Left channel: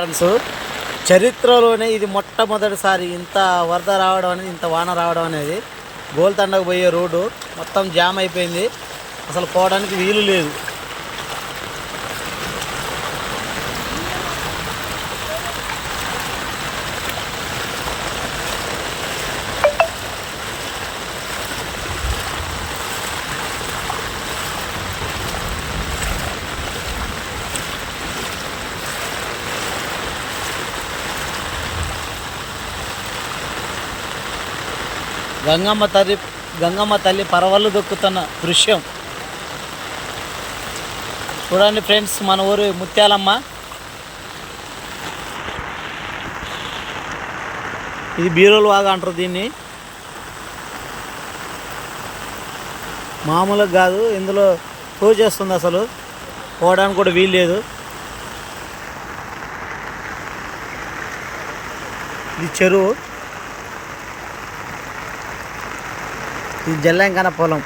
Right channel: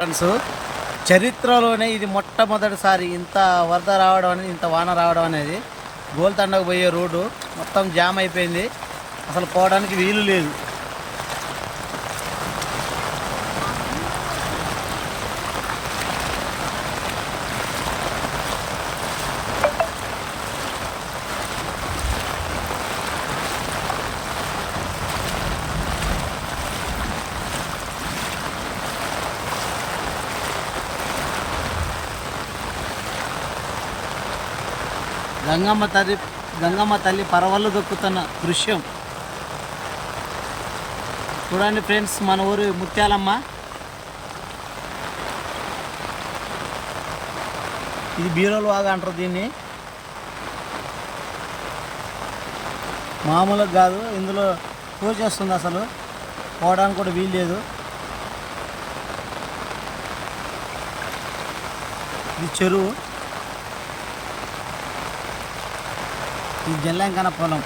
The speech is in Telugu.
ఫ్రెండ్స్ చరిత్రలోనే ఇది మొట్టమొదటిసారి ఇంత వరద రావడం అనేది ఇంత వాన రావడం అనేది. గోల్తండకు పోయే రోడ్డు మొత్తం జామ్ అయిపోయింది. అసలు పోవడానికి వీలు లేదు. గంగమ్మ తల్లి గంగమ్మ తల్లి పరవళ్ళు దొక్కుతున్న దృశ్యం. చూడండి ఫ్రెండ్స్ మన ఊరు ముత్యాలమ్మ. ఇది బీరోలు వాగా అంటారు దీన్ని. మామూలుగా కాదు ఇందులో పూజ చేస్తుంది అసలు. పోవడానికి కూడా వీలు లేదు. ఇది చెరువు. ఇది జల్లంకన పొలం.